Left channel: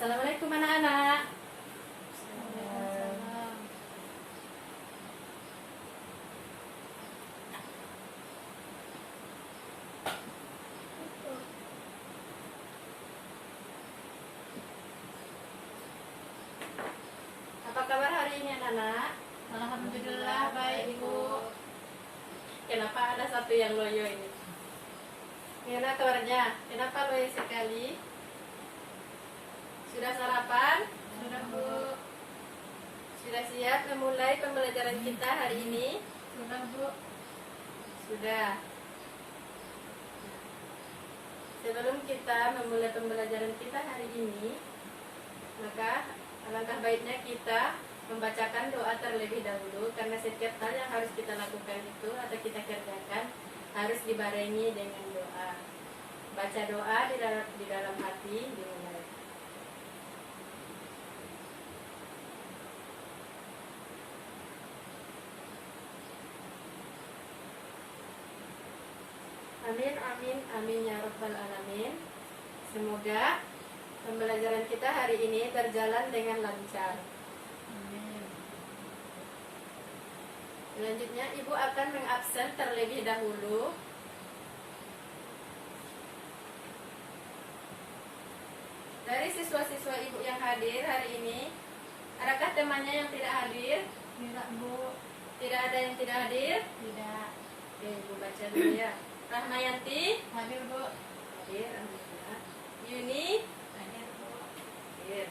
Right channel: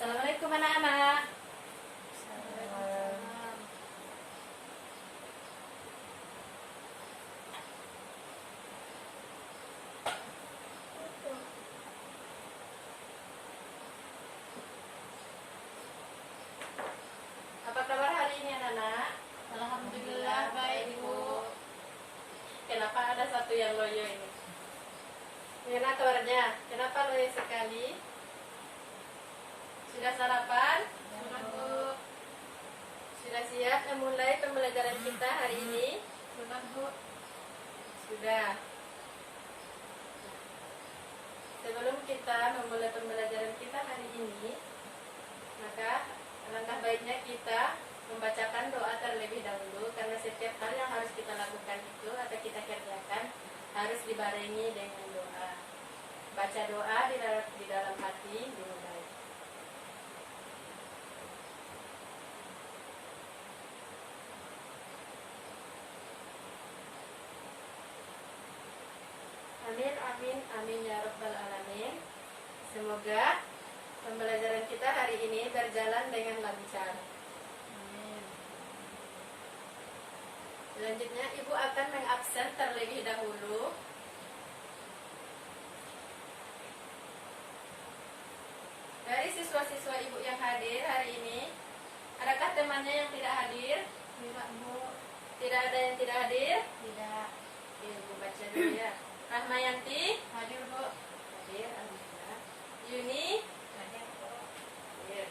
Assalamualaikum anak-anak. Waalaikumsalam. Apa kabar hari ini anak-anak? Alhamdulillah baik Bu. Kenapa ada satu yang loyo ini? Gimana kabarnya? Kenapa loyo sekali? Sudah sarapan? Sudah Bu. Sudah siap memulai pembelajaran kita hari ini? Sudah Bu. Sudah. Sebelum kita memulai pembelajaran kita hari ini, maka alangkah baiknya kita membacakan doa terlebih dahulu, karena setiap hal yang harus kita lakukan itu atau kita kerjakan harus dibarengi dengan doa. Baca doa di dalam hati dimulai. Amin, amin, amin ya rabbal alamin. Semoga pembelajaran kita hari ini berjalan dengan lancar. Amin. Selanjutnya Ibu akan mengabsen terlebih dahulu. Dari siswa-siswa Ibu yang hadir hari ini, adakah temannya yang tidak hadir? Tidak Bu. Tidak ada yang tidak hadir? Tidak. Oke, Ibu baca dulu ya. Rahmayanti Hadir Bu. hadir, alhamdulillah. Yuni Hadir Bu. hadir.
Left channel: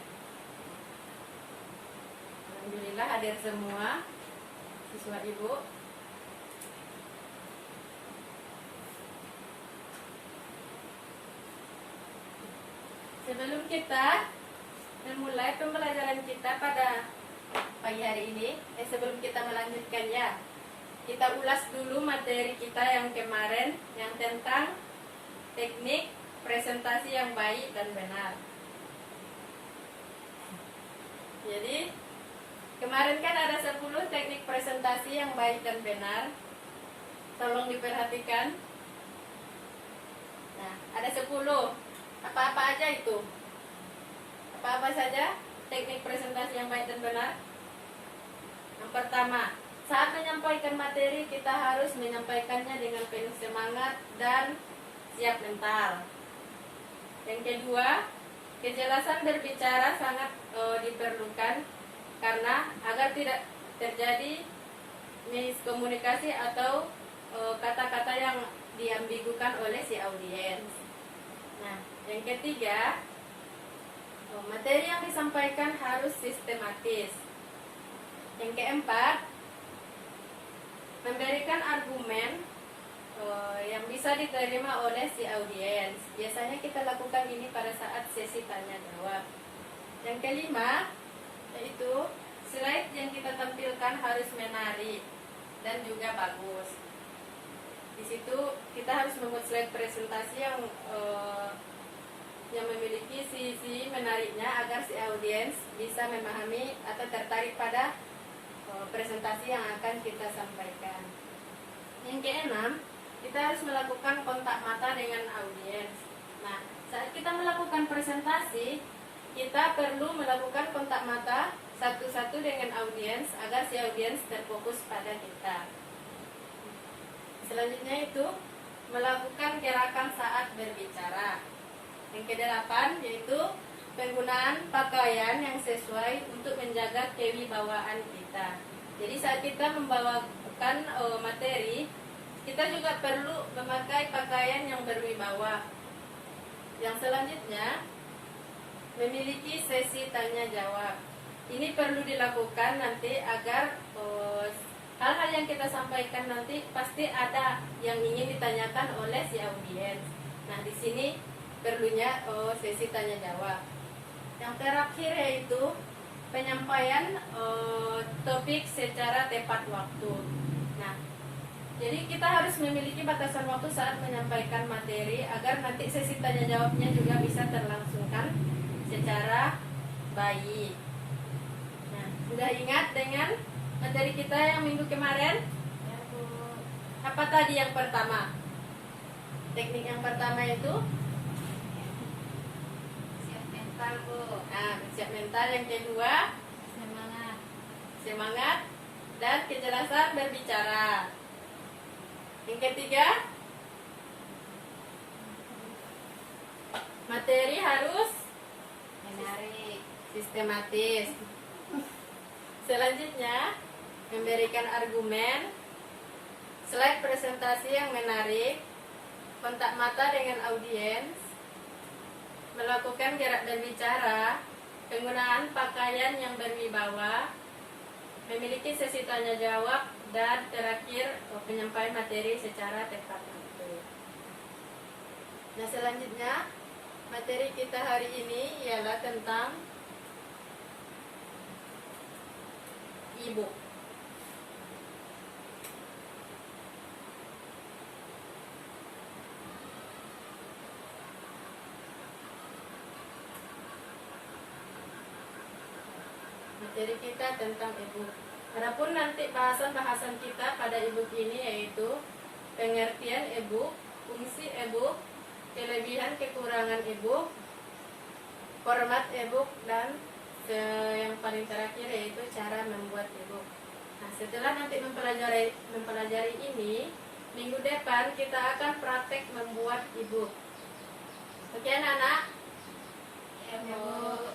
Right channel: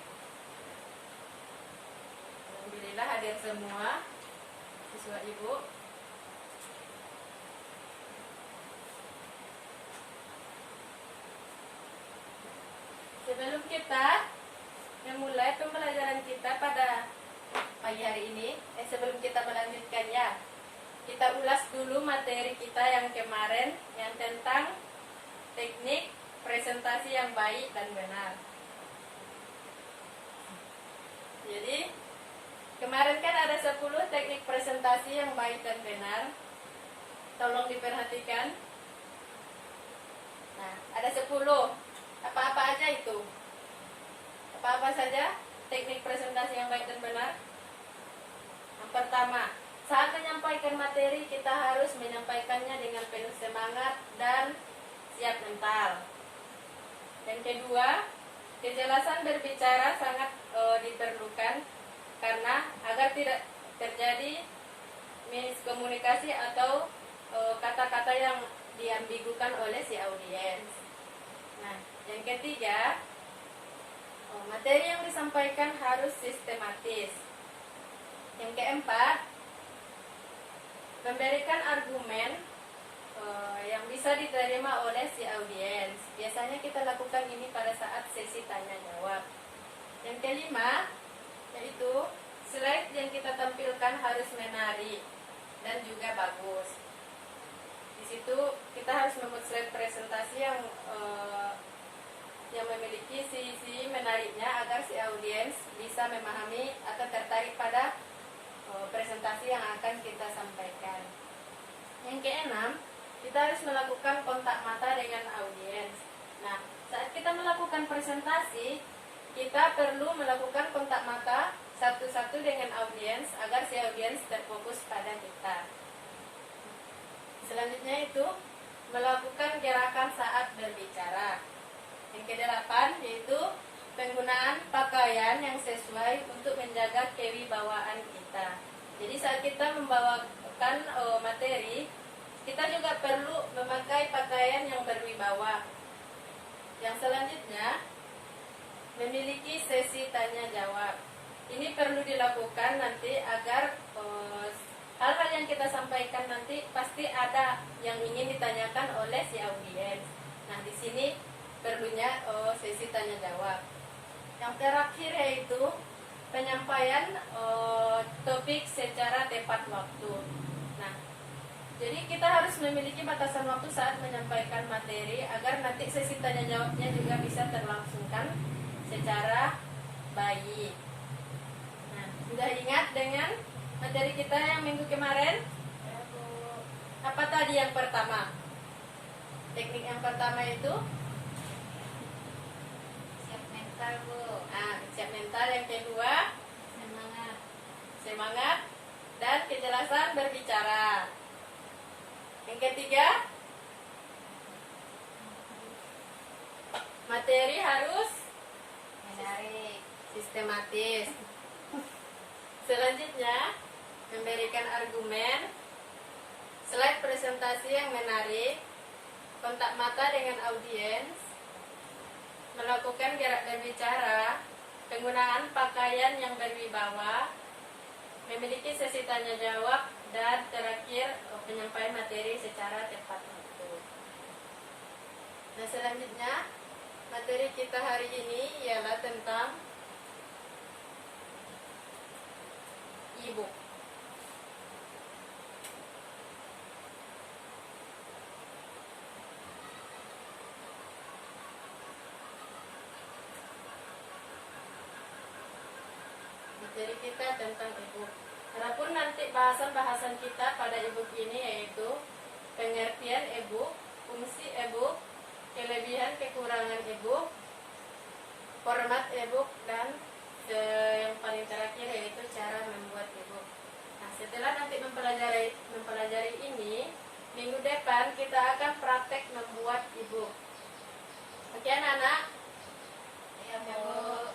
Alhamdulillah hadir semua siswa Ibu. Sebelum kita memulai pembelajaran kita pada pagi hari ini, sebelum kita melanjutkannya, kita ulas dulu materi kita yang kemarin, yang tentang teknik presentasi yang baik dan benar. Jadi, kemarin kan ada 10 teknik presentasi yang baik dan benar. Tolong diperhatikan. Nah, ada 10. Apa-apa aja itu? Apa-apa saja teknik presentasi yang baik dan benar? Yang pertama, saat menyampaikan materi kita harus menyampaikannya dengan penuh semangat dan siap mental. Yang kedua, kejelasan berbicara sangat diperlukan karena agar tidak terjadi miskomunikasi atau kata-kata yang diambigukan oleh si audiens. Nah, yang ketiga, materi yang disampaikan harus sistematis. Yang keempat, memberikan argumen yang bisa diterima oleh si audiens. Biasanya kita lakukan ini pada saat sesi tanya jawab. Yang kelima, yaitu slide yang kita tampilkan harus menarik dan juga bagus. Di situ kita harus membuat slide presentasi yang memiliki sisi menariknya agar si audiens bisa memahami atau tertarik pada presentasi yang akan kita sampaikan. Yang keenam, kita harus melakukan kontak mata dengan audiens. Nah, saat kita melakukan presentasi, kita perlu melakukan kontak mata satu-satu dengan audiens agar si audiens terfokus pada kita. Selanjutnya itu melakukan gerakan saat berbicara. Yang kedelapan yaitu penggunaan pakaian yang sesuai untuk menjaga kewibawaan kita. Jadi saat kita membawakan materi, kita juga perlu memakai pakaian yang berwibawa. Yang selanjutnya, memiliki sesi tanya jawab. Ini perlu dilakukan nanti agar hal-hal yang kita sampaikan nanti pasti ada yang ingin ditanyakan oleh si audiens. Nah, di sini perlunya sesi tanya jawab. Yang terakhir yaitu penyampaian topik secara tepat waktu. Nah, jadi kita harus memiliki batasan waktu saat menyampaikan materi agar nanti sesi tanya jawabnya juga bisa terlangsungkan secara baik. Nah, sudah ingat dengan materi kita yang minggu kemarin? Ya Bu. Apa tadi yang pertama? Teknik yang pertama itu Siap mental. mental, Bu. Siap mental. Yang kedua, Semangat. semangat dan kejelasan berbicara. Yang ketiga, materi harus Menarik. sistematis. Selanjutnya, memberikan argumen, slide presentasi yang menarik, kontak mata dengan audiens, melakukan gerak berbicara, penggunaan pakaian yang berwibawa, memiliki sesi tanya jawab, dan terakhir penyampaian materi secara tepat waktu. Nah, selanjutnya materi kita hari ini ialah tentang e-book. Materi kita tentang e-book. Adapun nanti bahasan-bahasan kita pada e-book ini yaitu pengertian e-book, fungsi e-book, kelebihan kekurangan e-book, format e-book, dan yang paling terakhir yaitu cara membuat e-book. Nah, setelah nanti mempelajari ini, minggu depan kita akan praktek membuat e-book. Oke, anak-anak? Ya, Bu.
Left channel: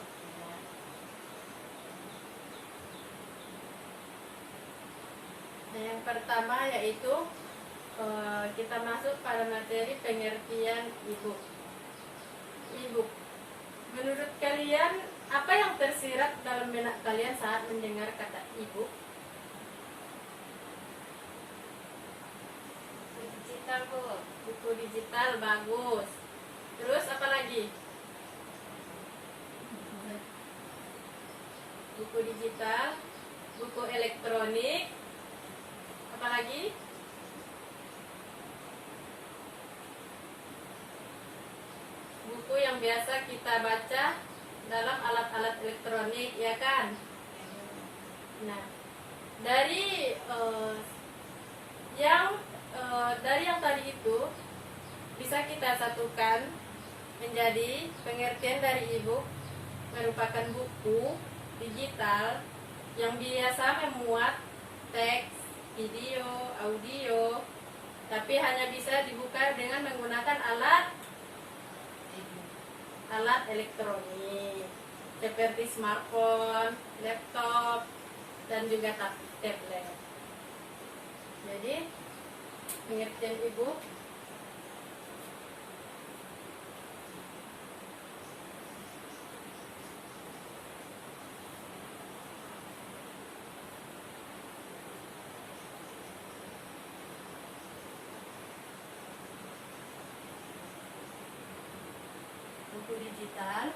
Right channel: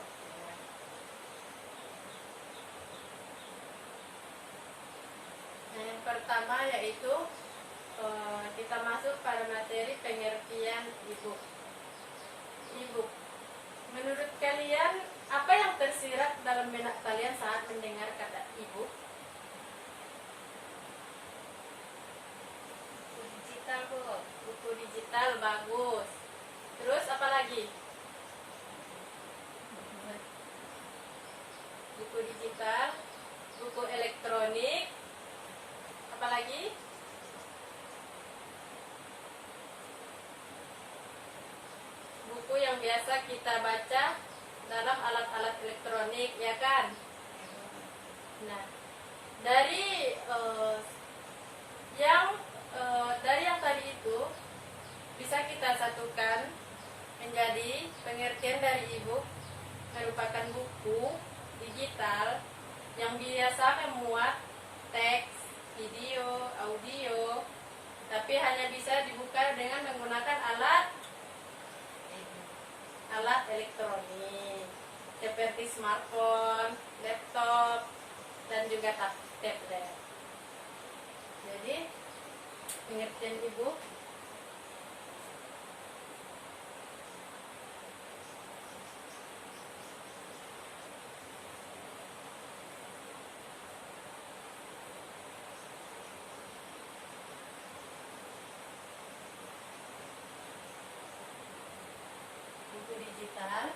Nah, yang pertama yaitu kita masuk pada materi pengertian e-book. E-book. Menurut kalian, apa yang tersirat dalam benak kalian saat mendengar kata e-book? Buku digital, Bu. Buku digital, bagus. Terus apa lagi? Buku digital, buku elektronik, apa lagi? Buku yang biasa kita baca dalam alat-alat elektronik, ya kan? Ya, Bu. Nah, dari yang tadi itu bisa kita satukan menjadi pengertian dari e-book merupakan buku digital yang biasa memuat teks, video, audio, tapi hanya bisa dibuka dengan menggunakan alat elektronik seperti smartphone, laptop, dan juga tablet. Jadi pengertian e-book buku digital,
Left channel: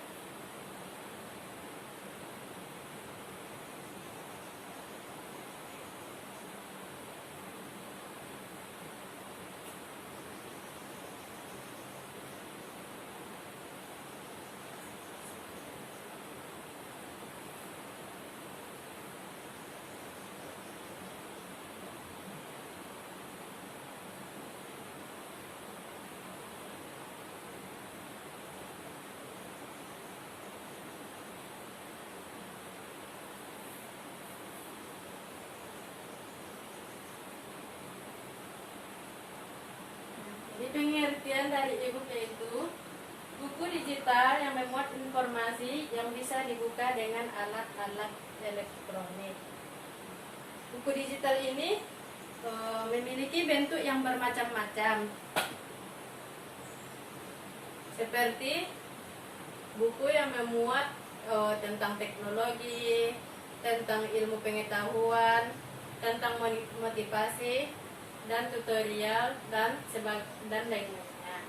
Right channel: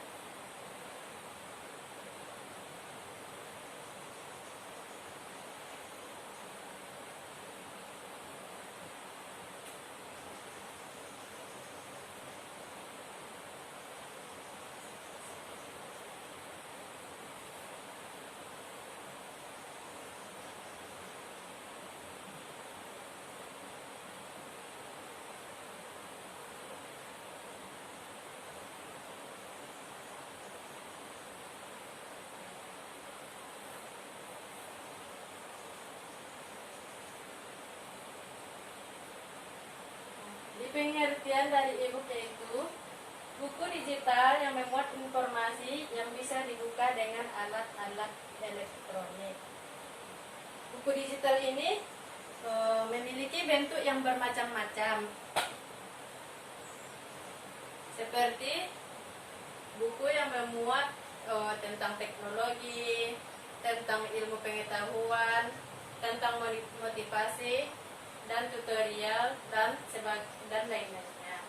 di pengertian dari e-book yaitu buku digital yang memuat informasi yang bisa dibuka dengan alat-alat elektronik. Buku digital ini memiliki bentuk yang bermacam-macam, seperti buku yang memuat tentang teknologi, tentang ilmu pengetahuan, tentang motivasi dan tutorial dan lain-lainnya.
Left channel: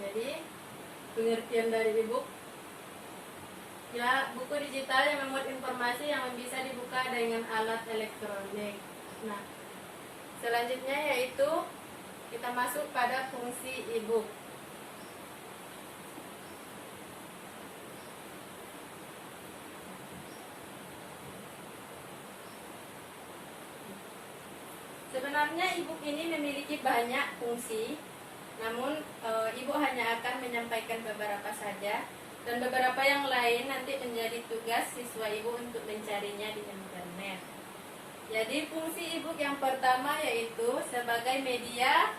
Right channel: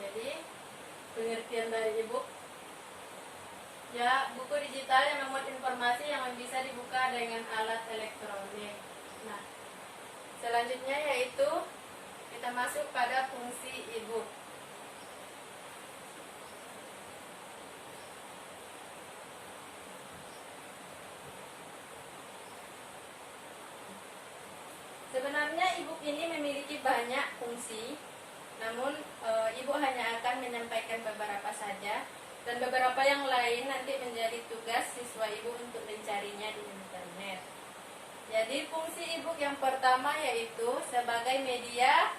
Jadi pengertian dari e-book ya buku digital yang memuat informasi yang bisa dibuka dengan alat elektronik. Nah, selanjutnya yaitu kita masuk pada fungsi e-book. Sebenarnya e-book ini memiliki banyak fungsi, Namun ibu hanya akan menyampaikan beberapa saja, dan beberapa yang lain nanti menjadi tugas siswa ibu untuk mencarinya di internet. Jadi fungsi e-book yang pertama yaitu sebagai media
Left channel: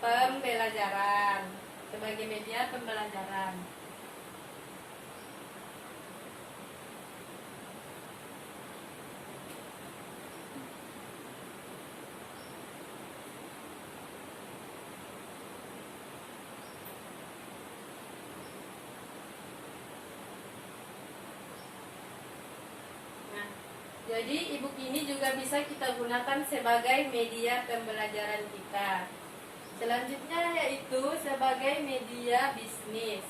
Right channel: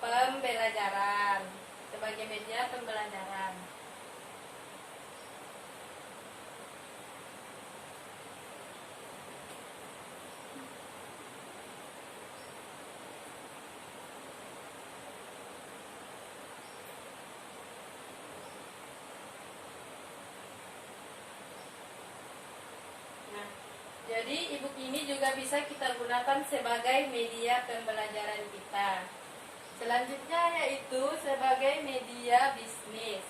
pembelajaran. Sebagai media pembelajaran. Nah, jadi e-book ini juga bisa kita gunakan sebagai media pembelajaran kita. Selanjutnya yaitu sebagai media bisnis.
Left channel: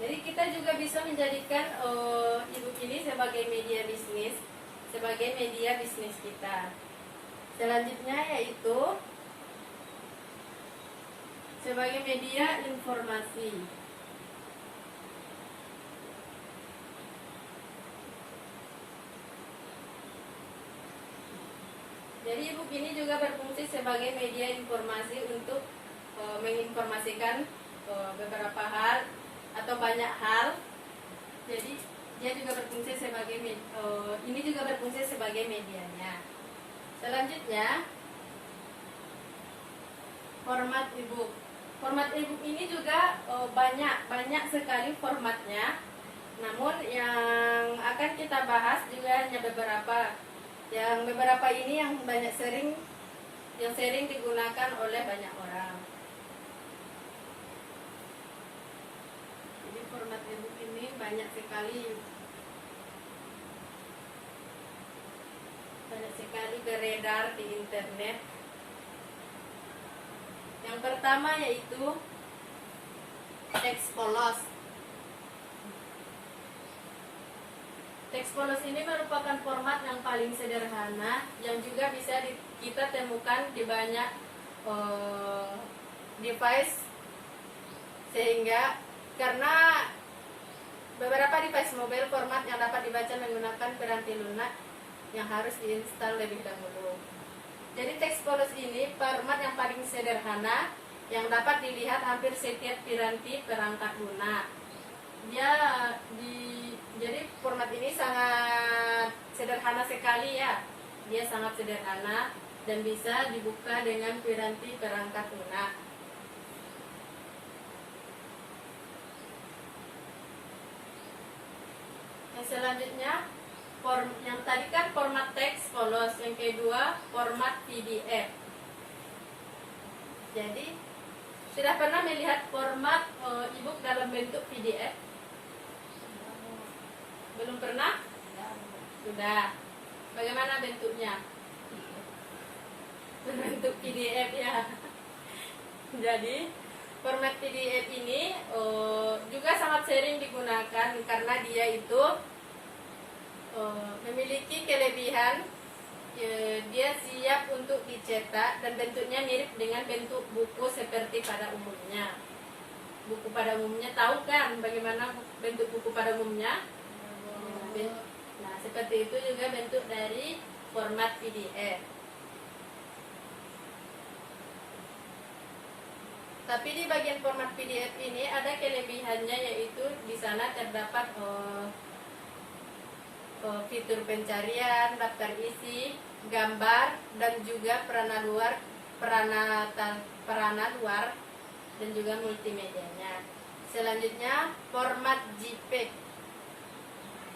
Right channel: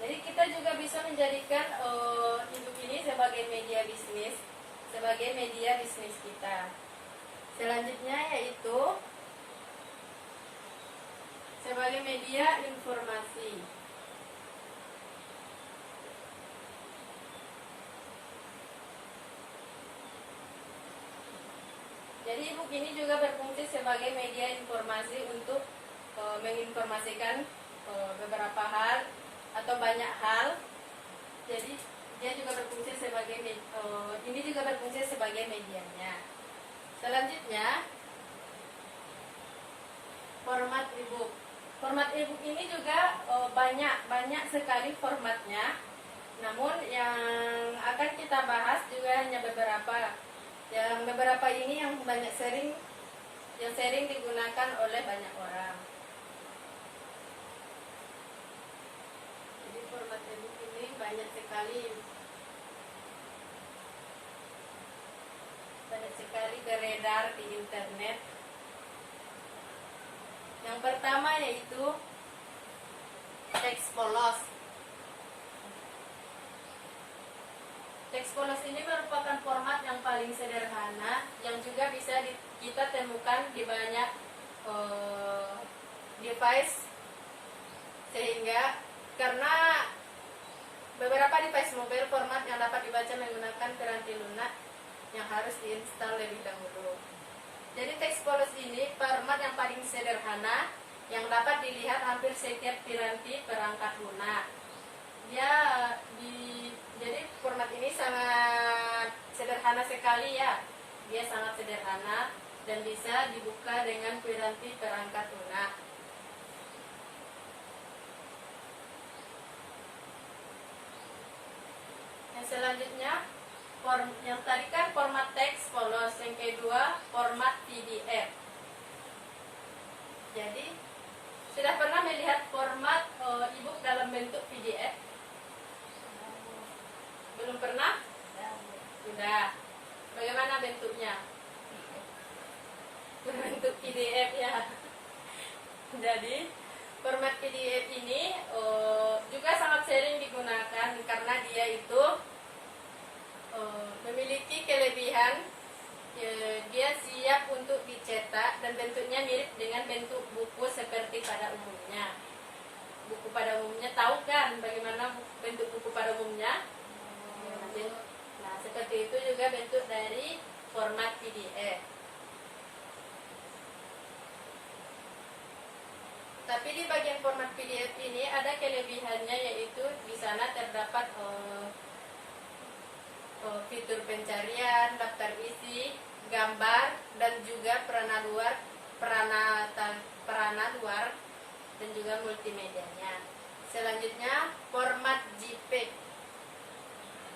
Jadi kita juga bisa menjadikan e-book ini sebagai media bisnis, sebagai media bisnis kita. Selanjutnya yaitu sebagai media informasi. Jadi e-book ini juga berfungsi sebagai media informasi untuk menginformasikan beberapa hal atau banyak hal. Jadi dia juga berfungsi sebagai ini juga berfungsi sebagai medianya. Selanjutnya format e-book. Format e-book ini juga banyak sekali formatnya. Namun yang akan kita bahas juga hanya beberapa. Yang beberapa ini yang sering digunakan oleh banyak orang. Jadi format e-book ini banyak sekali beredar di internet. Yang pertama yaitu teks polos. Teks polos ini merupakan format yang paling sederhana yang juga bisa kita temukan di banyak device, sehingga karena beberapa device mobile format yang dapat dibaca menggunakan piranti lunak yang harus diinstal lebih dahulu. Jadi teks polos ini format yang paling sederhana yang dapat dilihat hampir setiap piranti perangkat lunak. Jadi format ini sangat sederhana sekali ya. Dia sangat sederhana dan bisa dibuka dengan piranti perangkat lunak. Yang selanjutnya, yang tadi kan format teks polos, yang kedua format PDF. Jadi sudah pernah melihat format e-book dalam bentuk PDF? Belum pernah? Sudah. Bagaimana bentuknya? Berbentuk PDF ya. Jadi format PDF ini juga sangat sering digunakan karena dia itu memiliki kelebihan, dia siap untuk dicetak dan bentuknya mirip dengan bentuk buku seperti pada umumnya. Buku pada umumnya, tahu kan bagaimana bentuk buku pada umumnya? Nah, seperti itu juga bentuk dari format PDF. Tapi di bagian format PDF ini ada kelebihannya, yaitu di sana terdapat fitur pencarian, daftar isi, gambar, dan juga perana luar dan juga multimedianya. Selanjutnya format JPEG.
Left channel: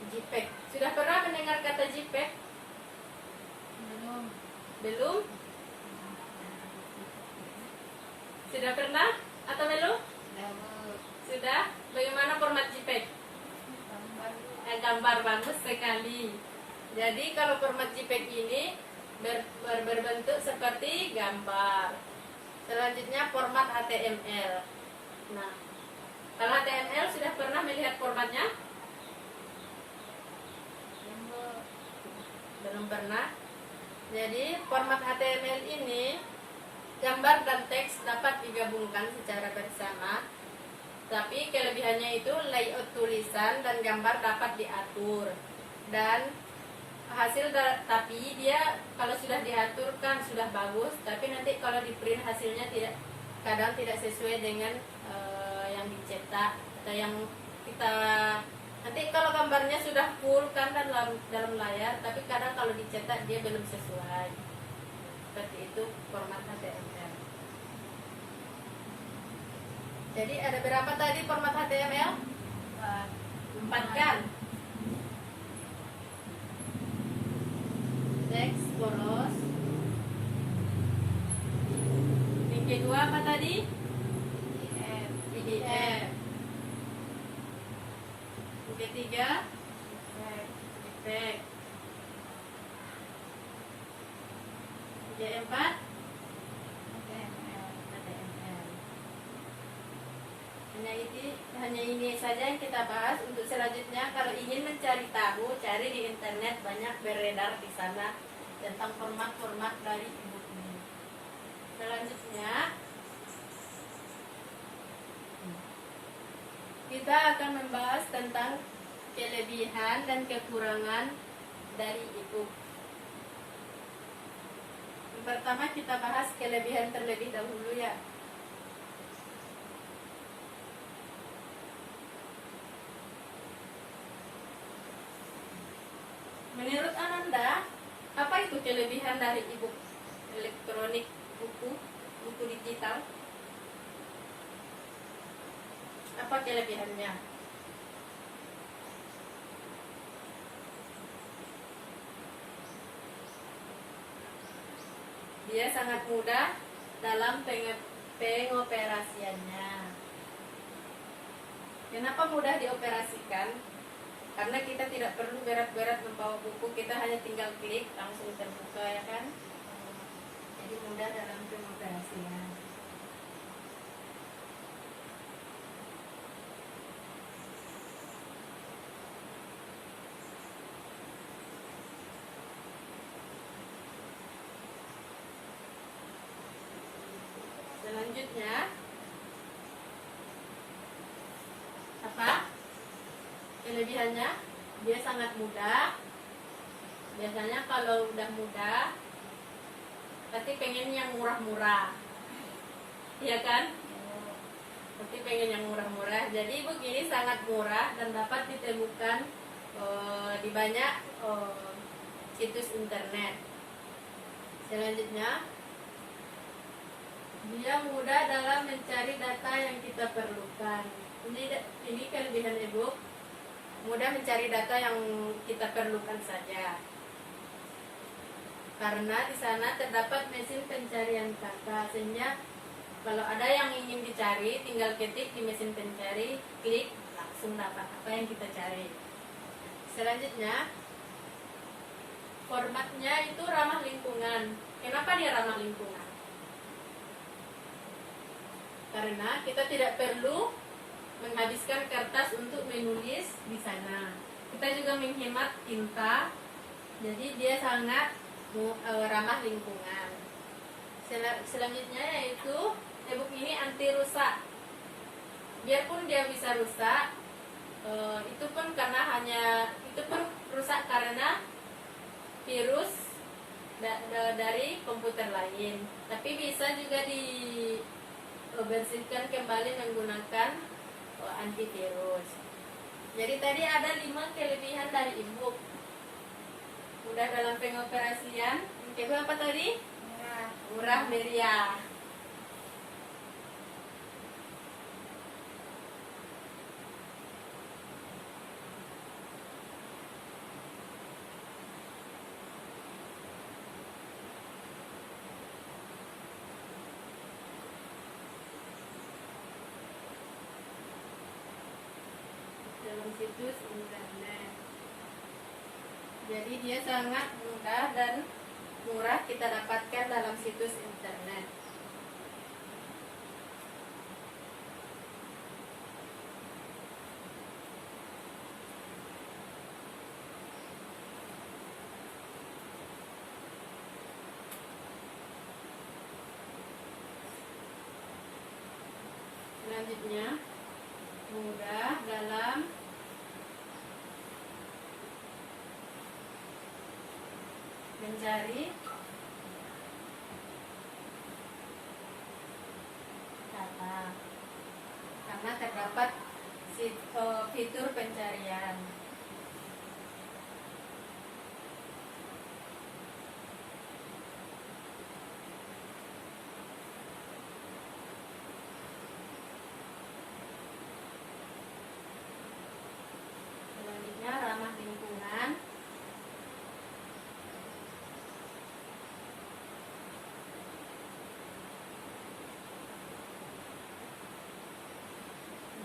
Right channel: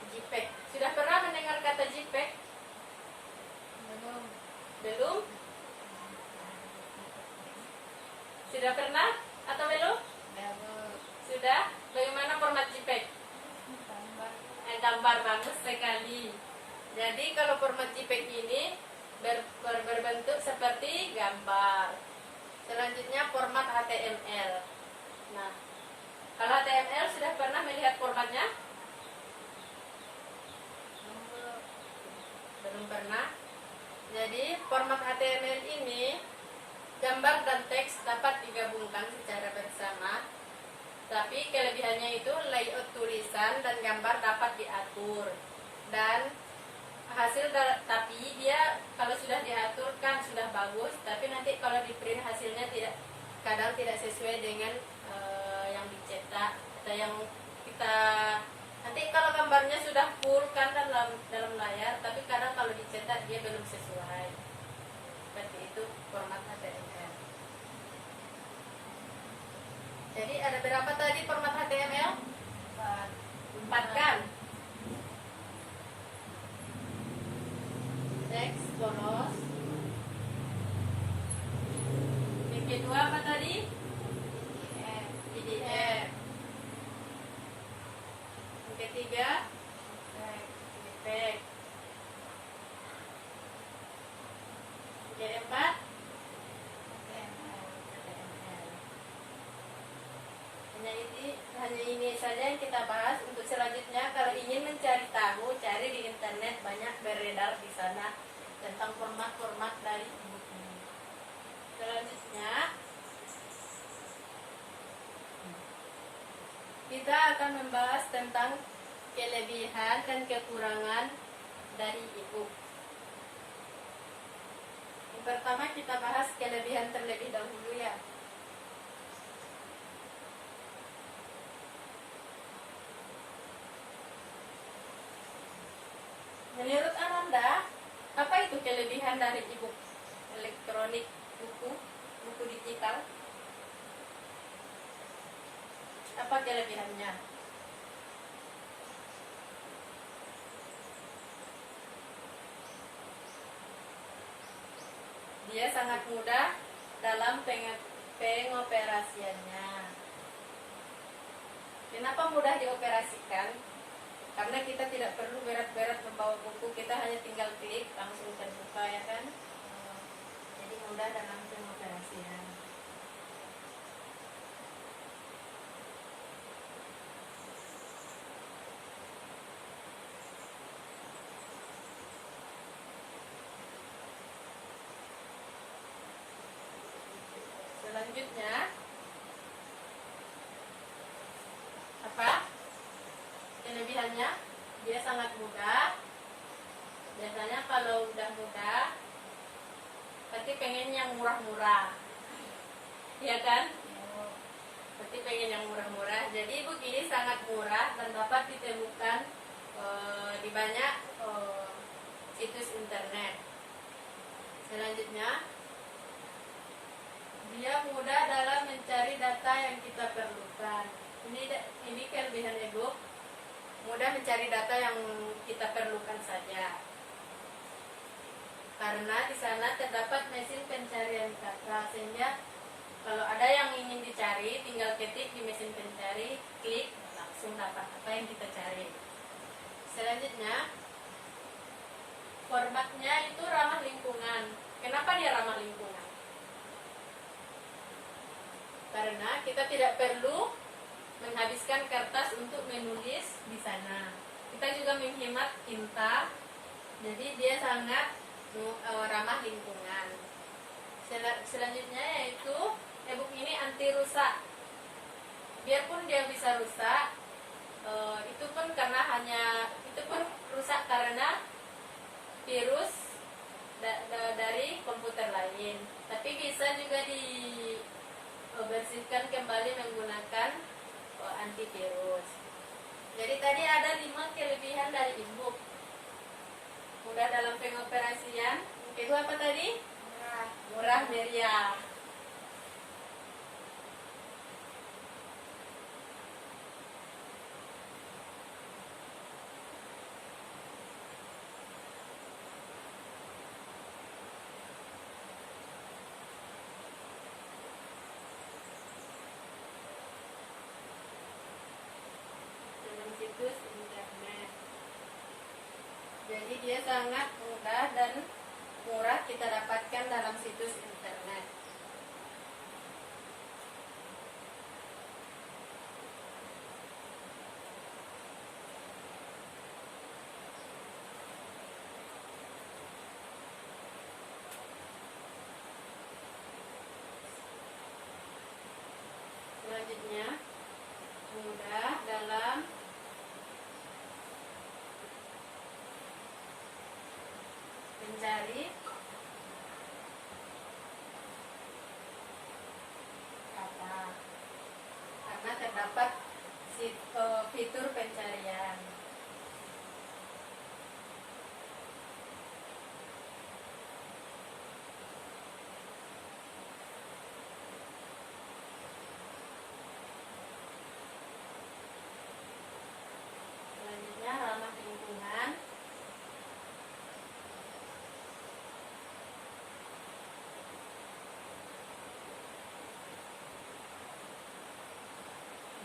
JPEG. Sudah pernah mendengar kata JPEG? Belum? Sudah pernah atau belum? Sudah? Bagaimana format JPEG? Gambar bagus sekali. Jadi kalau format JPEG ini berbentuk seperti gambar. Selanjutnya format HTML. Nah, kalau HTML sudah pernah melihat formatnya? Belum pernah. Jadi format HTML ini gambar dan teks dapat digabungkan secara bersama. Tapi kelebihannya itu layout tulisan dan gambar dapat diatur. dan tapi dia kalau sudah diaturkan sudah bagus, tapi nanti kalau di print hasilnya kadang tidak sesuai dengan yang dicetak atau yang kita nanti kalau gambarnya sudah full kan dalam layar, tapi kadang kalau dicetak dia belum sesuai. Seperti itu format HTML. Jadi ada berapa tadi format HTML? 4 kan? Teks, polos. Yang kedua apa tadi? PDF. Yang ketiga? Efek. Yang keempat? HTML. Hanya ini saja yang kita bahas. Untuk selanjutnya, kalau ingin mencari tahu, cari di internet, banyak beredar di sana tentang format-format dari ebook ini. Selanjutnya, kita akan membahas tentang kelebihan dan kekurangan dari ebook. Yang pertama kita bahas kelebihan terlebih dahulu ya. Menurut Ananda, apa itu kelebihan dari ebook elektronik, buku digital? Apa kelebihannya? Dia sangat mudah dalam pengoperasiannya. Kenapa mudah dioperasikan? Karena kita tidak perlu berat-berat membawa buku, kita hanya tinggal klik langsung terbuka ya kan. Jadi mudah dalam pengoperasian. Selanjutnya apa? Kelebihannya, dia sangat mudah. Biasanya kalau udah mudah, pasti pengen yang murah-murah, ya kan? Pasti pengen yang murah-murah. Jadi begini sangat murah dan dapat ditemukan di banyak situs internet. Selanjutnya, dia mudah dalam mencari data yang kita perlukan. Ini kelebihan ebook. Mudah mencari data yang kita perlukan saja. Karena di sana terdapat mesin pencarian kata, sehingga kalau ada yang ingin dicari, tinggal ketik di mesin pencari, klik, langsung dapat apa yang kita cari. Selanjutnya, formatnya itu ramah lingkungan. Kenapa dia ramah lingkungan? Karena kita tidak perlu menghabiskan kertas untuk menulis di sana. Kita juga menghemat tinta, jadi dia sangat ramah lingkungan. Selanjutnya yaitu ebook ini anti rusak. Biarpun dia bisa rusak, itu pun rusak karena virus dari komputer lain. Tapi bisa juga dibersihkan kembali menggunakan antivirus. Jadi tadi ada 5 kelebihan dari ebook. Mudah dalam pengoperasian. Yang kedua apa tadi? Murah meriah. Situs internet. Jadi dia sangat mudah dan murah kita dapatkan dalam situs internet. Selanjutnya, mudah dalam mencari kata karena terdapat fitur pencarian. Selanjutnya ramah lingkungan.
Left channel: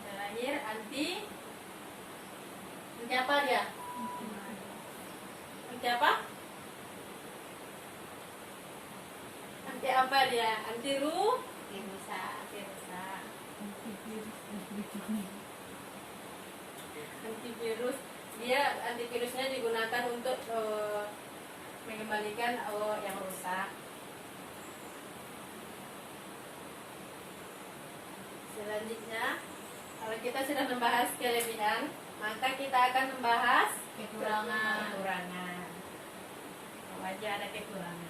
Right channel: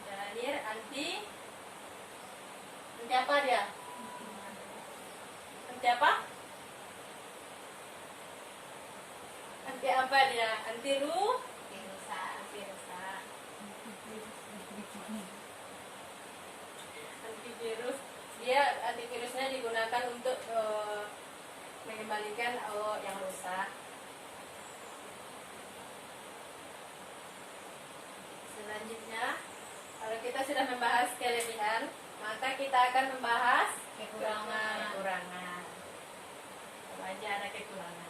Terakhir anti apa dia? Anti apa? Anti apa dia? Anti rusak. Antivirus. Dia antivirusnya digunakan untuk mengembalikan yang rusak. Selanjutnya, kalau kita sudah membahas kelebihan, maka kita akan membahas Kekurangan. Wajah ada kekurangan.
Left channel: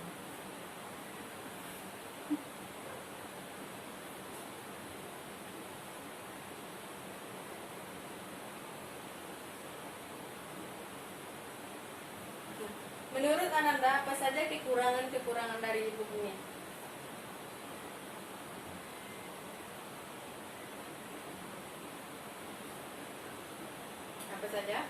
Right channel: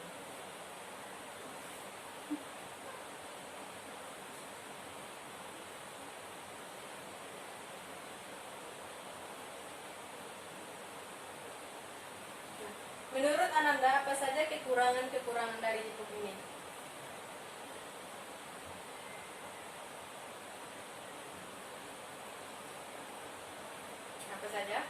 Menurut Ananda, apa saja kekurangan dari buku ini? Apa saja?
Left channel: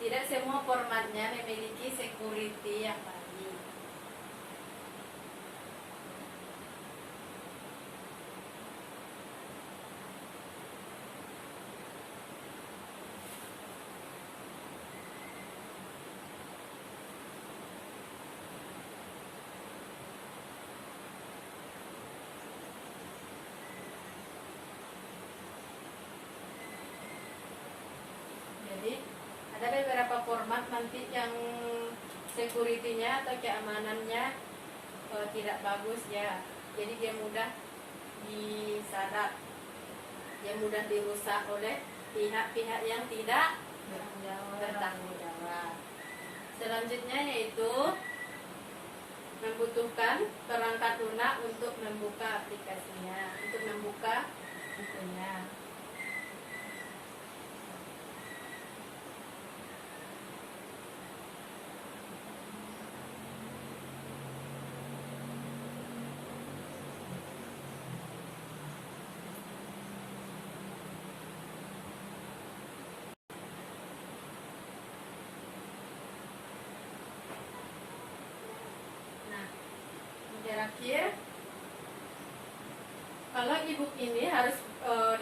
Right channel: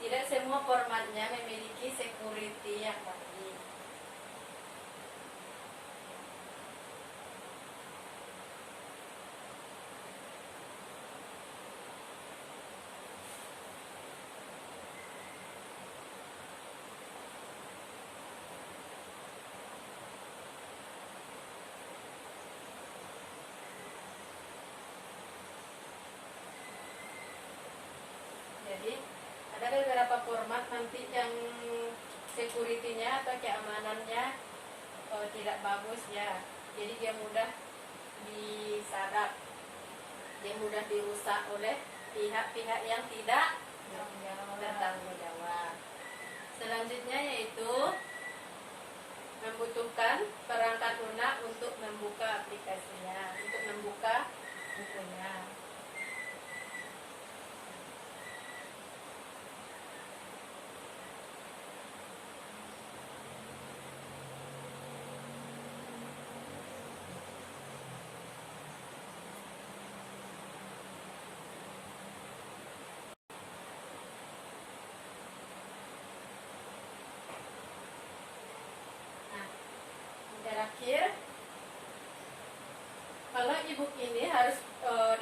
Tidak semua formatnya memiliki security yang baik. Jadi ada beberapa format nanti yang security-nya atau keamanannya tidak bagus ya. Jadi dia mudah disadap, dia mudah dirusak oleh pihak-pihak yang tidak bertanggung jawab. Selanjutnya yaitu membutuhkan perangkat lunak untuk membuka aplikasinya, untuk membuka bukunya. Terakhir, kalau e-book ini harus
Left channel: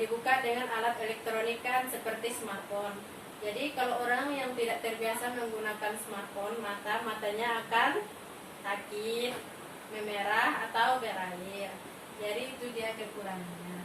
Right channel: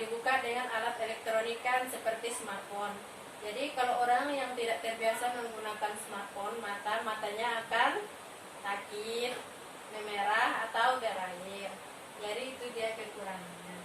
dibuka dengan alat elektronik kan seperti smartphone. Jadi kalau orang yang tidak terbiasa menggunakan smartphone, matanya akan sakit, memerah atau berair. Jadi itu dia kekurangannya.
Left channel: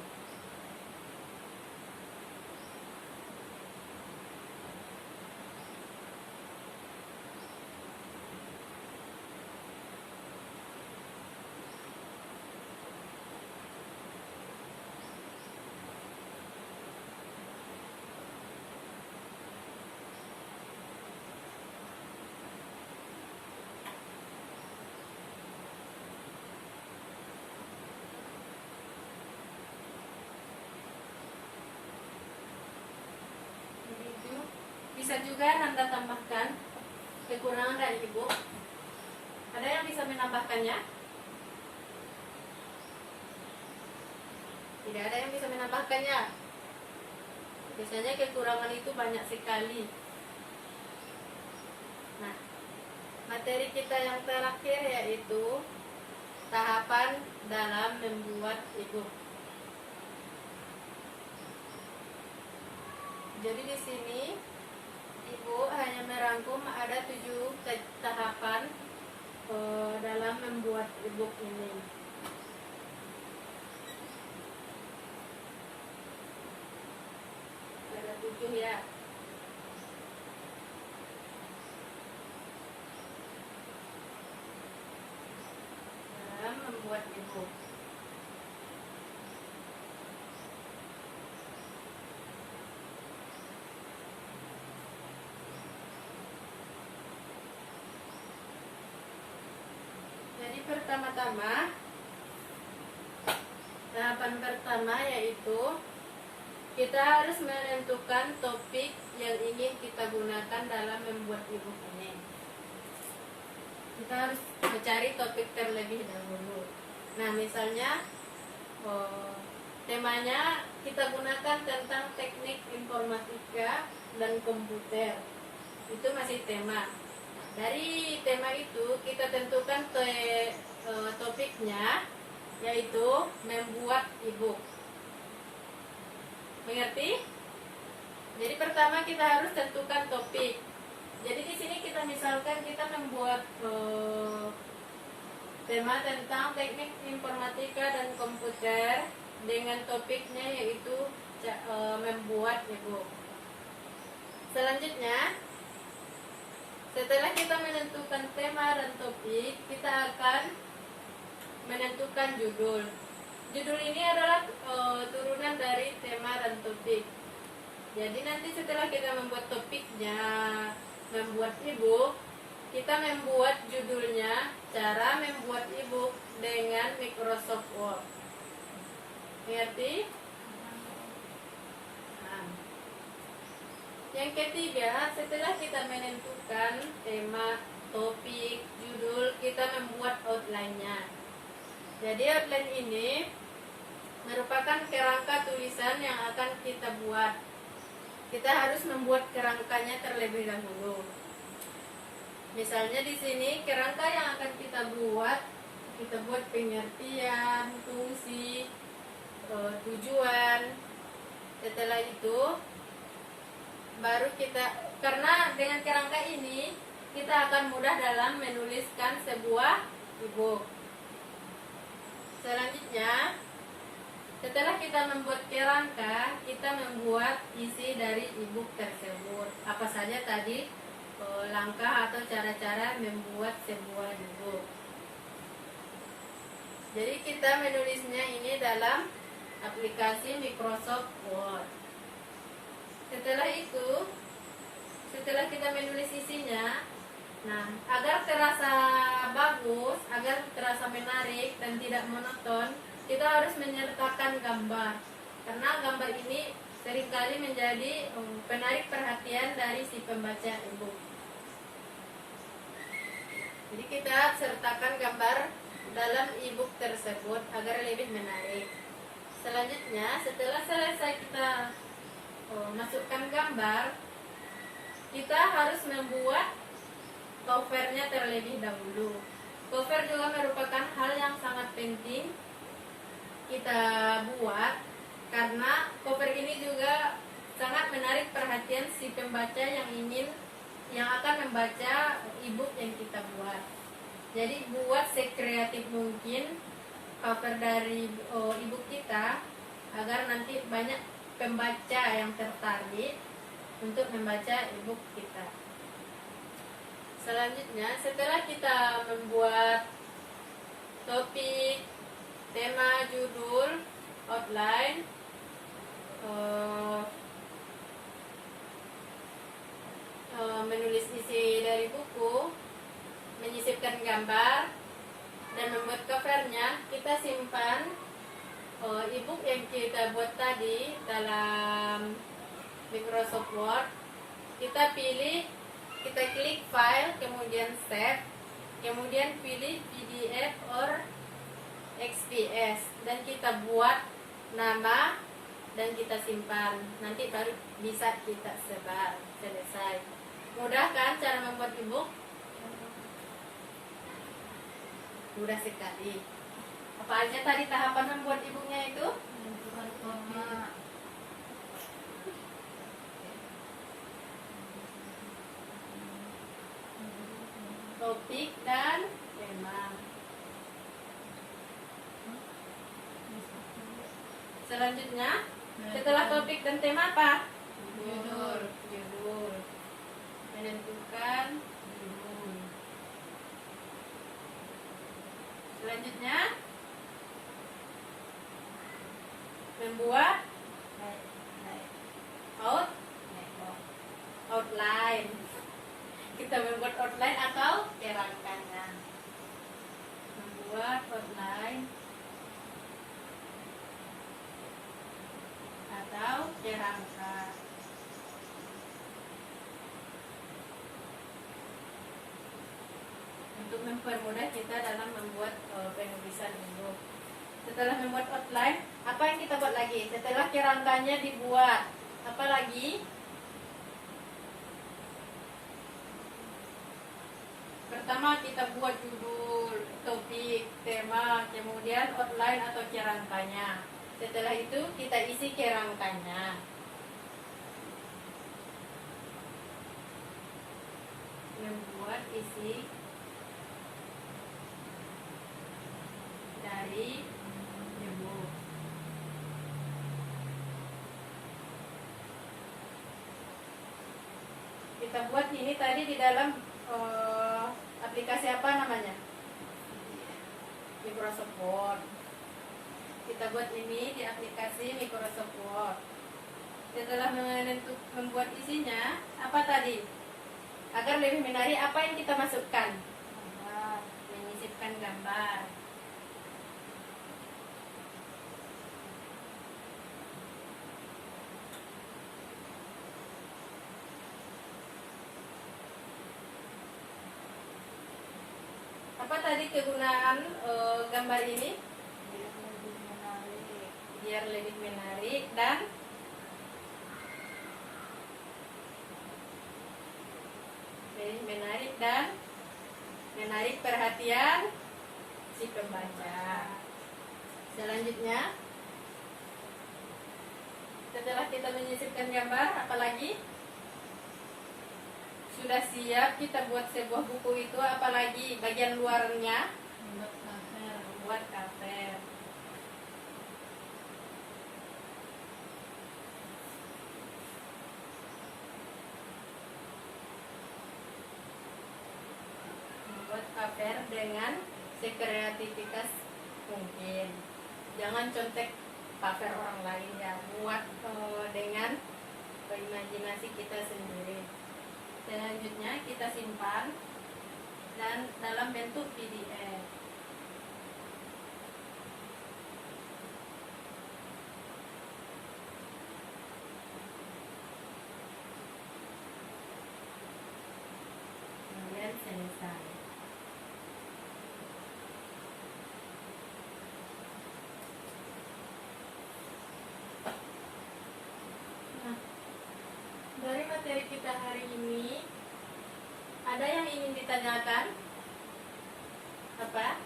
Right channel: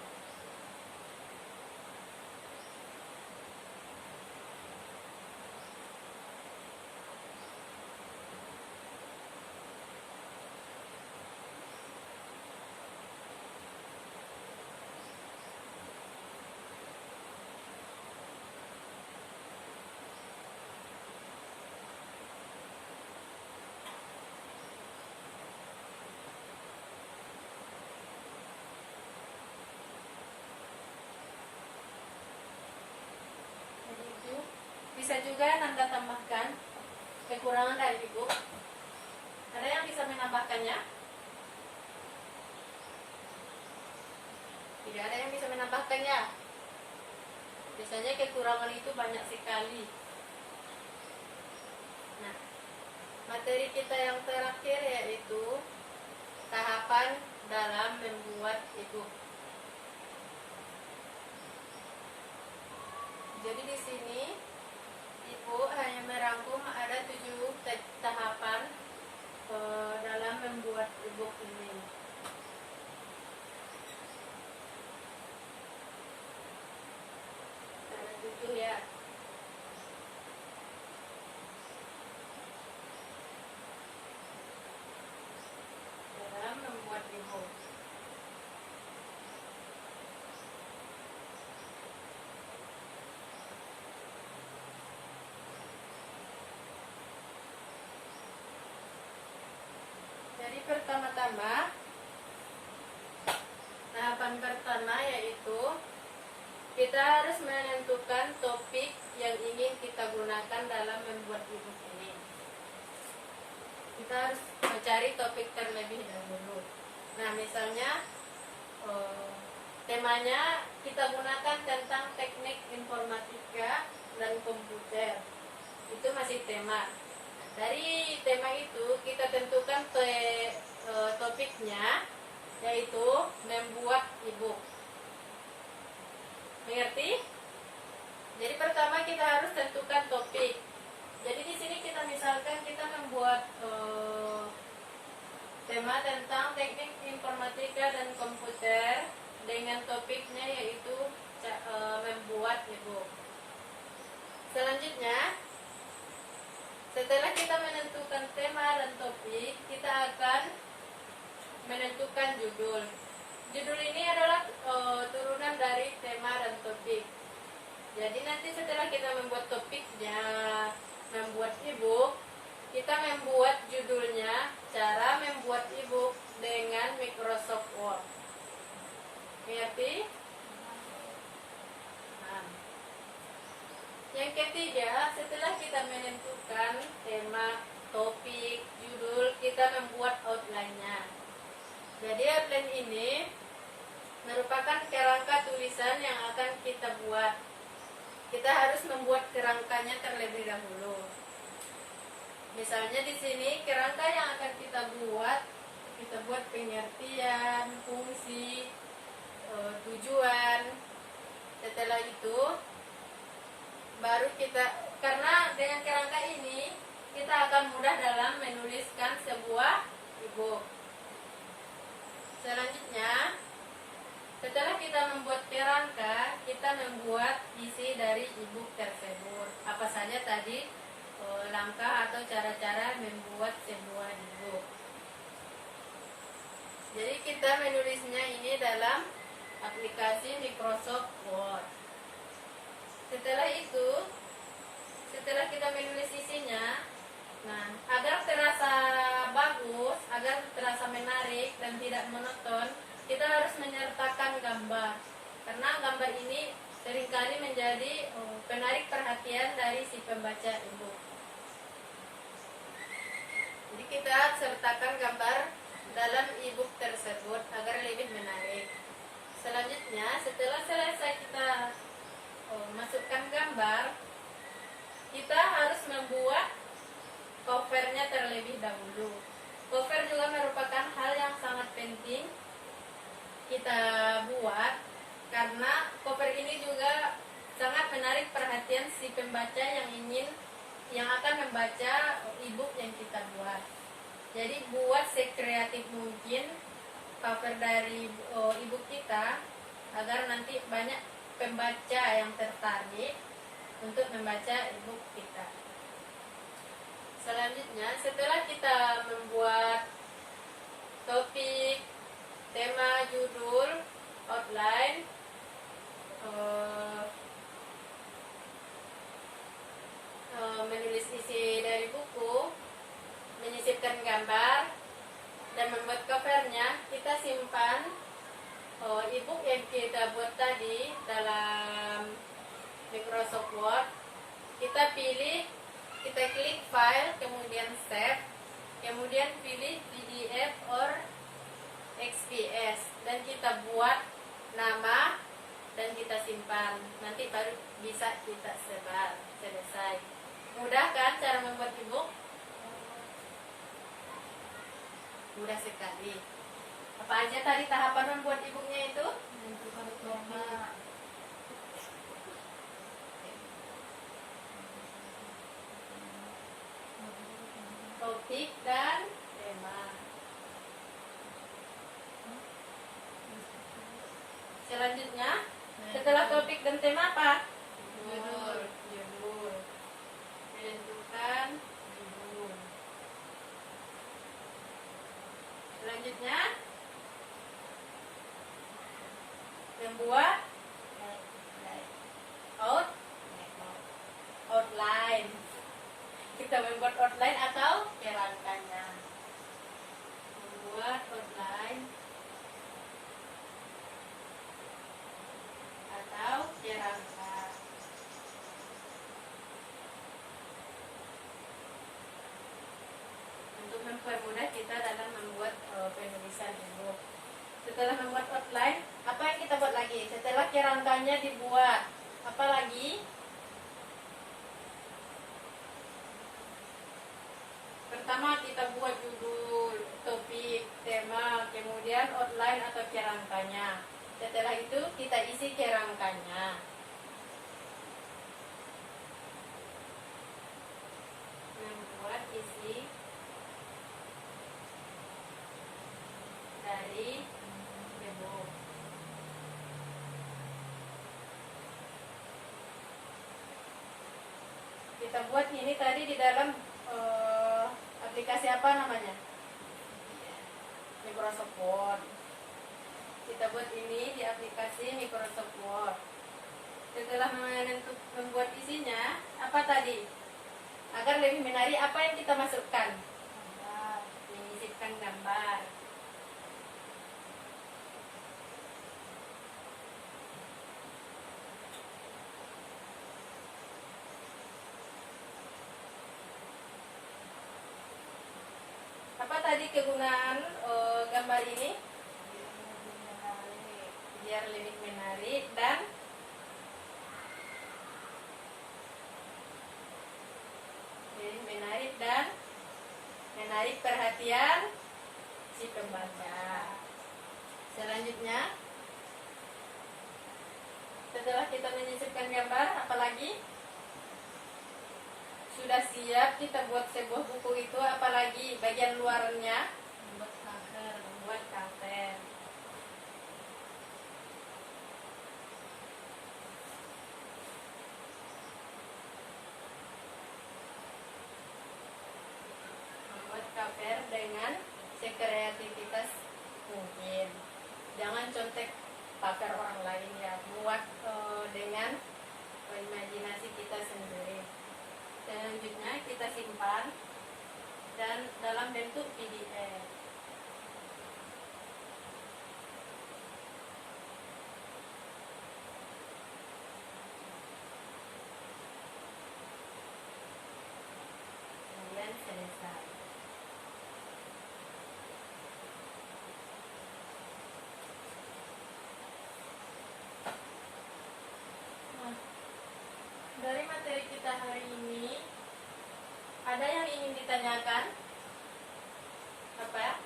Jadi itu bisa juga Nanda tambahkan kekurangan dari e-book. Ada yang bisa menambahkannya? Tidak ada yang bisa menambahkannya. Biasanya kekurangan itu banyak sekali. Nah, materi kita yang terakhir yaitu tahapan dalam membuat e-book. Jadi di sini Ibu hanya merangkum ada 7 tahapan dalam membuat e-book ini. Ada 7 ya. Dalam membuat e-book. pertama-tama, tahapan pertama yaitu kita harus menentukan topik yang ingin kita gunakan dalam membuat ebook ini. Kita harus mencari topik terlebih dahulu. Nah, misalnya temanya kita gunakan tentang teknik informatika dan komputer. Itu masih tema. Nah, dari tema itu kita tentukan topiknya, yaitu membuat ebook. Mengerti? Jadi pertama kita harus tentukan topik. Jadi di sini kita misalkan kita membuat tema tentang teknik informatika dan komputer dengan topiknya yaitu membuat ebook. Selanjutnya, setelah kita menentukan tema dan topik, kita akan menentukan judul. Judul ini adalah turunan dari tema dan topik. Jadi nanti setelah kita membuat topiknya, membuat ebook, kita membuat judulnya cara membuat ebook dengan Microsoft Word. Mengerti? Nah. Yang ketiga, setelah kita menentukan tema, topik, judul, kita membuat outline-nya. Jadi outline ini merupakan kerangka tulisan yang akan kita buat. Kita harus membuat kerangkanya terlebih dahulu. Misalnya di sini kerangka yang akan kita buat pengertian, fungsi, tujuan. Setelah itu baru karena dengan kerangka ini kita akan mudah dalam menuliskan sebuah ebook. Selanjutnya, setelah kita membuat kerangka, kita membuat isi dari ebook tersebut. Apa saja tadi langkah atau cara-cara membuat sebuah ebook. Jadi kita menulisnya ini dalam aplikasi Microsoft Word. Setelah itu, setelah kita menulis isinya, nah, agar terasa bagus, agar terasa menarik dan tidak monoton, kita harus menyertakan gambar. Karena gambar ini seringkali menjadi penarik perhatian dari si pembaca ebook. Jadi kita sertakan gambar dalam ebook tersebut agar lebih menarik. Selanjutnya, setelah selesai kita masukkan gambar, kita harus membuat covernya terlebih dahulu. Cover juga merupakan hal yang sangat penting kita buat, karena cover ini juga sangat menarik perhatian si pembaca yang akan membaca ebook yang kita buat. Jadi buat sekreatif mungkin cover dari ebook kita agar nanti banyak pembaca yang tertarik untuk membaca ebook kita. Selanjutnya, setelah kita membuat topik, tema, judul, outline, menulis isi dari buku, menyisipkan gambar, dan membuat covernya, kita simpan ebook yang kita buat tadi dalam Microsoft Word. Kita klik file, kemudian save, kemudian pilih PDF or XPS, dan kita buat nama dan kita simpan. Nanti baru bisa kita sebar. Selesai. Mudah kan cara membuat ebook? Mudah sekali. Apa aja tadi tahapan membuat ebooknya itu? Menentukan tema, Topik dan tema. Selanjutnya, setelah topik dan tema apa? Judul. Menentukan judul. Selanjutnya, membuat outline. Kita membuat outline atau kerangkanya. setelah membuat outline, apa yang kita buat lagi? Setelah kerangkanya dibuat, apa lagi? Pertama kita buat judul, topik, tema, kemudian outline atau kerangkanya. Setelah itu kita isi kerangkanya. Membuat isi dari e-book. Kita buat ini tadi di dalam aplikasi apa namanya? Microsoft Word. Kita buat ini di aplikasi Microsoft Word. Setelah membuat isinya, apa tadi? Agar lebih menarik, apa yang kita masukkan? Gambar. Menyisipkan gambar. Apa tadi kegunaan gambar ini? Biar lebih menarik dan menarik perhatian si pembaca. Selanjutnya, setelah kita menyisipkan gambar, apalagi sudah siap kita buat sebuah buku itu, apalagi bagian luarnya Membuat cover. buat cover. Membuat cover dengan sekreativitas mungkin. Jangan contek cover orang lain ya, buat dengan imajinasi kita sendiri. Selanjutnya kita simpan dan dalam bentuk PDF. Kemudian selesai. Nah, dari materi kita hari ini, ada yang ingin ditanyakan? Apa?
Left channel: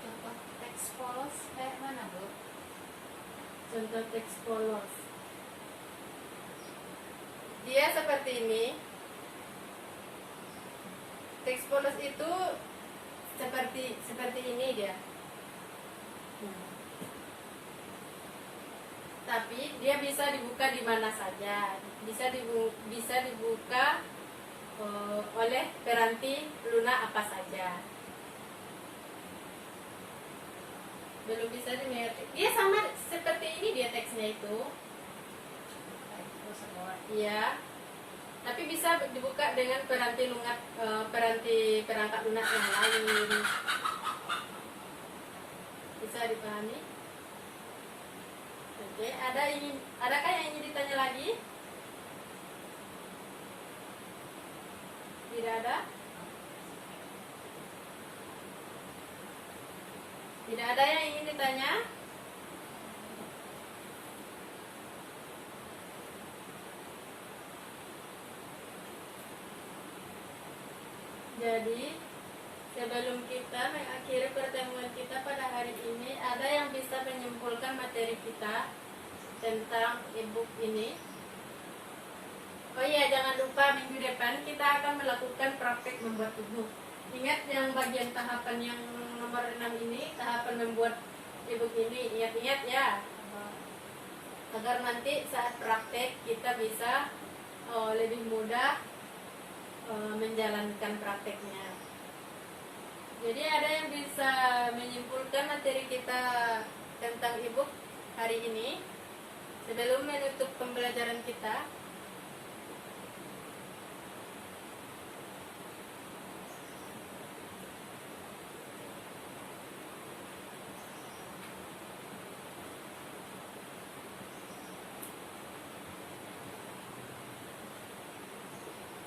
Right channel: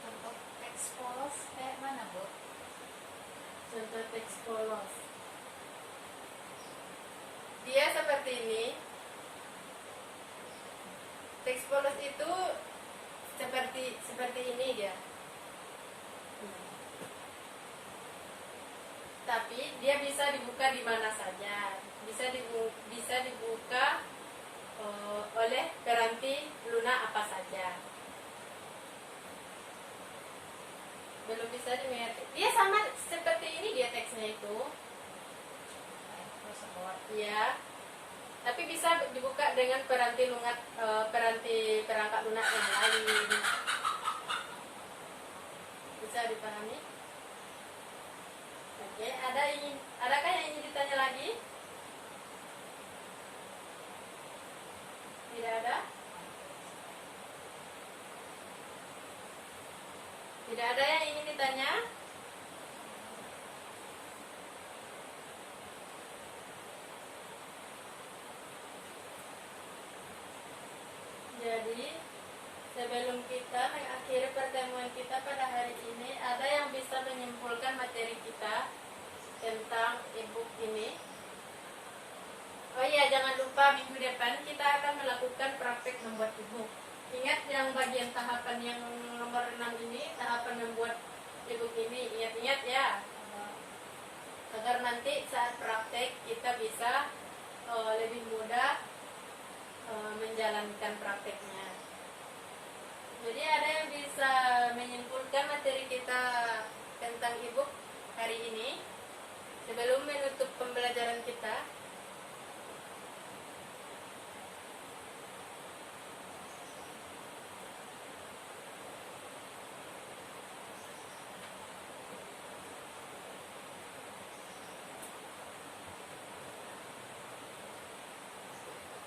Contoh teks polos kayak mana, Bu? Contoh teks polos. Dia seperti ini. Teks polos itu seperti ini dia. Tapi dia bisa dibuka di mana saja. Bisa dibuka oleh peranti lunak apa saja. Belum bisa dimengerti. Dia sama seperti ini dia teksnya itu. Tersebut. Iya. Tapi bisa dibuka dengan peranti perangkat lunak yang lain. Bisa dipahami? Oke, adakah yang ingin ditanya lagi? Tidak ada? Tidak ada yang ingin ditanya? Jadi, sebelum kita mengakhiri pertemuan kita pada hari ini, ada yang bisa menyimpulkan materi kita tentang e-book ini? Oh iya, jangan lupa minggu depan kita akan melakukan praktek membuat e-book. Ingat yang bagian tahapan yang nomor 6 ini, tahapan membuat e-book ini, ingat-ingat ya. Agar nanti saat praktek kita bisa lebih mudah menjalankan prakteknya. Jadi ada yang bisa menyimpulkan materi kita tentang e-book hari ini sebelum menutup pembelajaran kita?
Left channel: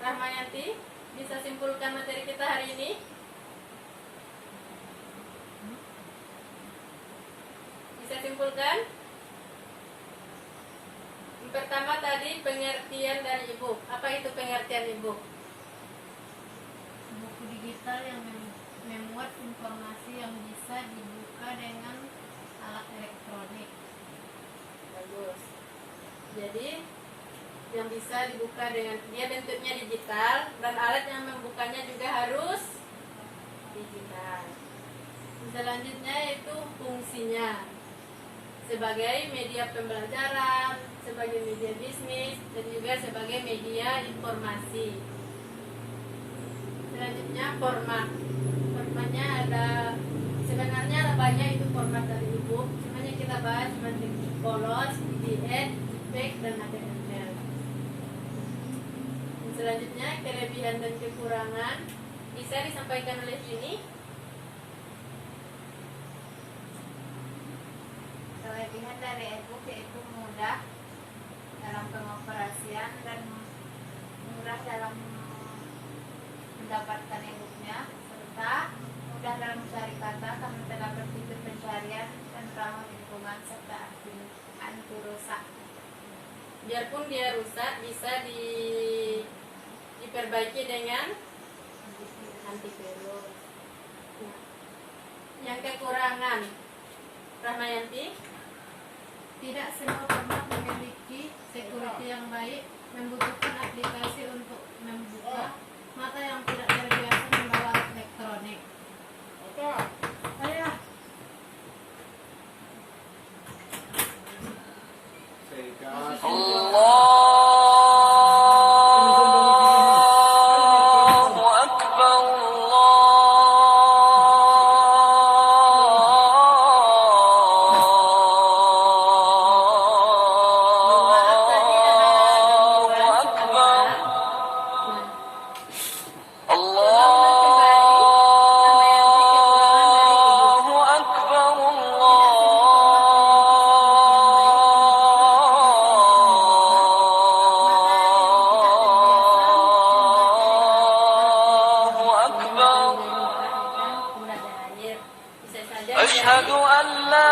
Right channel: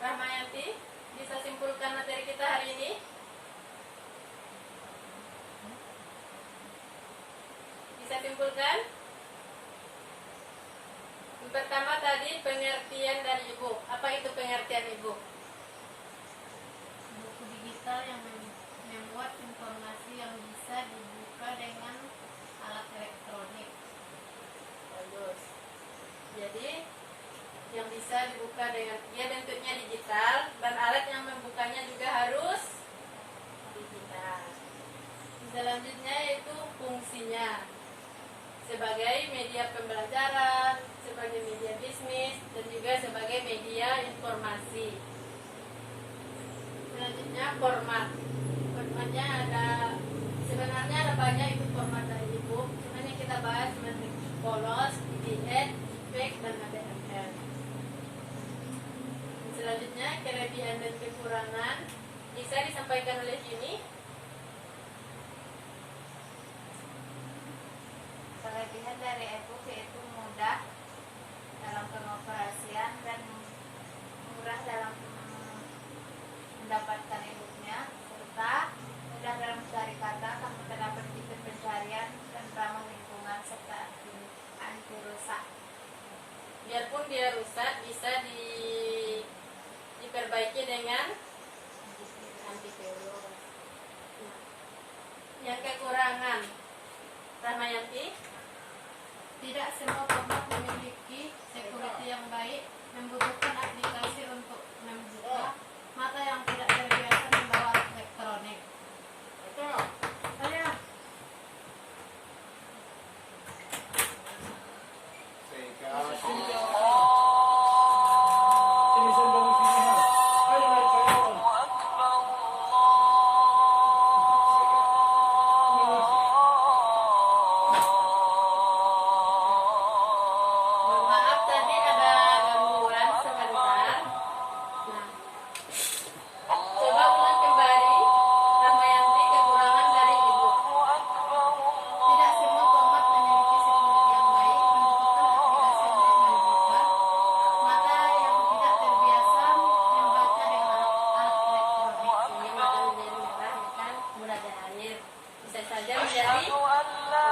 Rahmayati, bisa simpulkan materi kita hari ini? Bisa simpulkan? Yang pertama tadi pengertian dari ibu. Apa itu pengertian ibu? Buku digital yang memuat informasi yang bisa dibuka dengan alat elektronik. Bagus. Jadi yang bisa dibuka dengan dia bentuknya digital dan alat yang membukanya juga harus digital. Selanjutnya yaitu fungsinya sebagai media pembelajaran, sebagai media bisnis, dan juga sebagai media informasi. Selanjutnya format. Formatnya ada sebenarnya ada banyak itu format dari ibu. Cuma yang kita bahas seperti polos, PDF, JPEG, dan HTML. Selanjutnya kelebihan dan kekurangan bisa disampaikan oleh ini. Kelebihan dari e-book yaitu mudah dalam pengoperasian dan murah dalam mendapatkan e-booknya, serta mudah dalam mencari kata karena terdapat fitur pencarian dan ramah lingkungan serta anti rusak. Biarpun dia rusak bisa diperbaiki dengan antivirus. Nah, yang kekurangan, Rahmayanti? Tidak semua format memiliki security yang baik, membutuhkan aplikasi untuk membuka, mata yang tidak terbiasa membawa alat elektronik. Ayo. Maaf tadi ada gangguan sebentar. Nah, coba ulang kembali. Rahmayanti, kekurangan dari ibu. Tidak semua format memiliki أشهد أن لا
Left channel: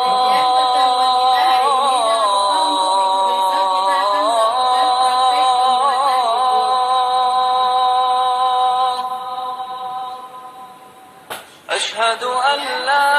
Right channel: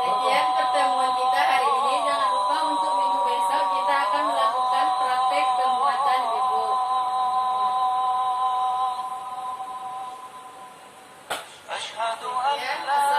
Sekian pertemuan kita hari ini. Jangan lupa untuk minggu besok kita akan melakukan praktek pembuatan ibu. أشهد أن لا